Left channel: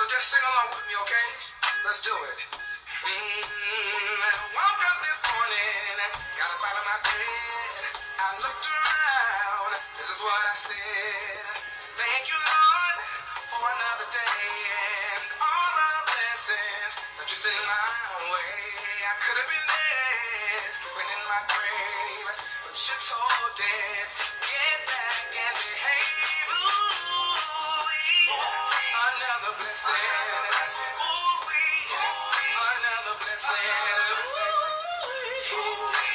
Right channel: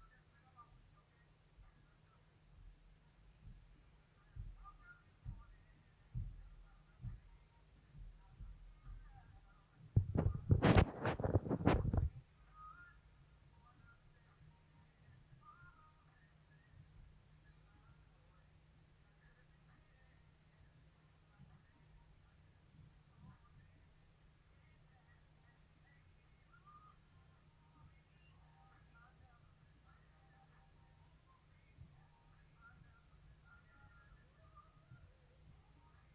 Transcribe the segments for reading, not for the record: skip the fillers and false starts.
So just sing along with me, okay? Let's do it. Woke up this morning, got up out of my bed. I looked around, this is what I said. Thank you, Lord, for another day and all the blessings that you sent my way. I could have been dead, sleeping in my grave, but you told it, get back and behave. Another blessing. Another blessing.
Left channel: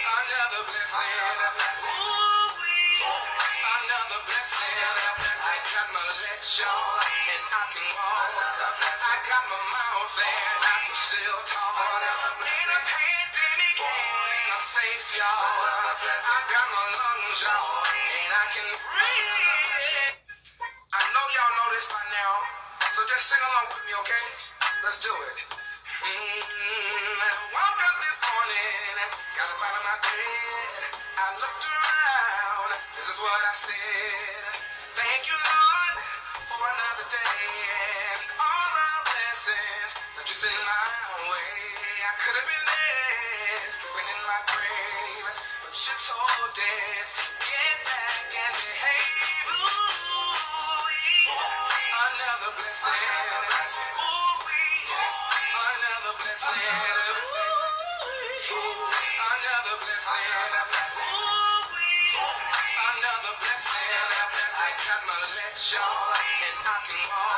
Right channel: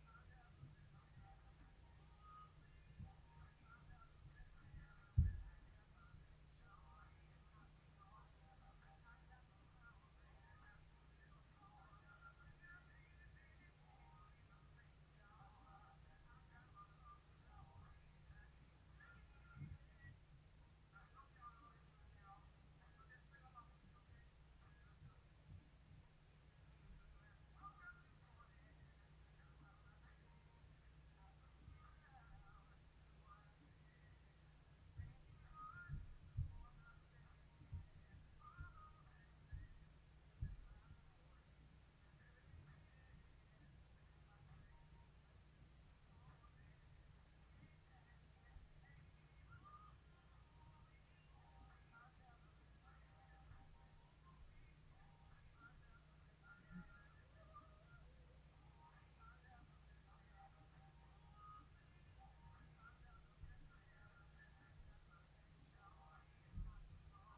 Another blessing. Another blessing. I got my legs short and I can walk. I got my mouth and I can still talk. In a pandemic and I'm safe, y'all. I got my lungs, y'all, and I can breathe. I know y'all know this by now, so just sing along with me, okay? Let's do it. Woke up this morning, got up out of my bed. I looked around, this is what I said. Thank you, Lord, for another day and all the blessings that you sent my way. I could have been dead, sleeping in my grave, but you told it, get back and behave. Another blessing. Another blessing. Another blessing. Another blessing. I got my legs short and I can walk.